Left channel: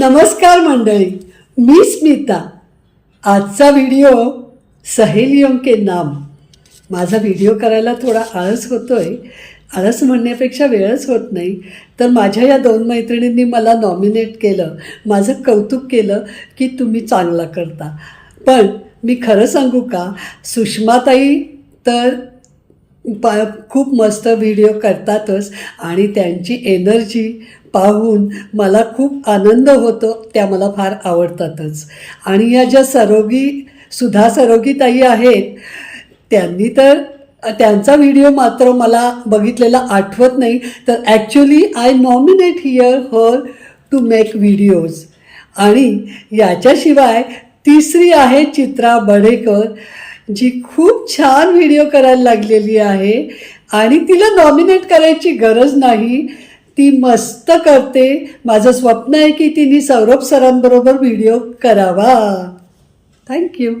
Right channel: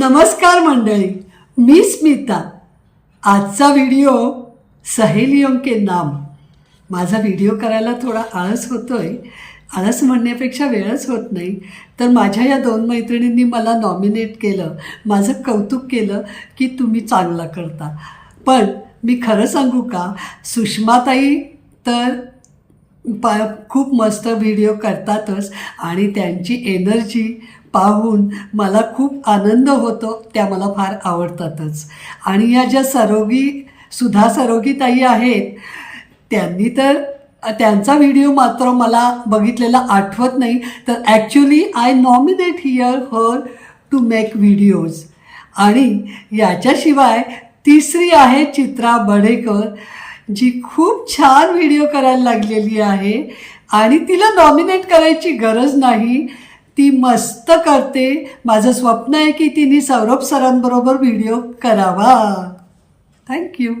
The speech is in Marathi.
नमस्कार मंडळी, मी स्मिता। आजचा व्हिडिओ सहेलियों के नाम। माझा व्हिडिओ करायला थोडा आळस होतोय। आळस म्हणण्यापेक्षा वेळच होत नाही। तर माझ्या या दोन मैत्रिणींनी मला नॉमिनेट केलं, माझं कौतुक केलं की तुम्ही चांगला करता। पण मी खरं सांगू का, सुषमाताई तर खूप मस्त व्हिडिओ करतातच आणि त्यांची एनर्जी पाहून मला खूप आनंद होतो। त्या मला फार आवडतातच। आणि या ज्या सुधा सरोगीताई आहेत, त्यांनी तर त्यांचा व्हिडिओ मात्र मला बघितलेला आठवत नाही। तर actually I nominate here her to make videos. आणि याच्याशिवाय तिसरी आहे चित्रा बढेकर, जी खूप छान व्हिडिओ करायला लागलेली आहे आणि तिला नॉमिनेट करायची गरज नाही, ती मस्त करते। माझं स्वप्न आहे की तिने सौरभ सरांबरोबर व्हिडिओ करावा। थँक्यू।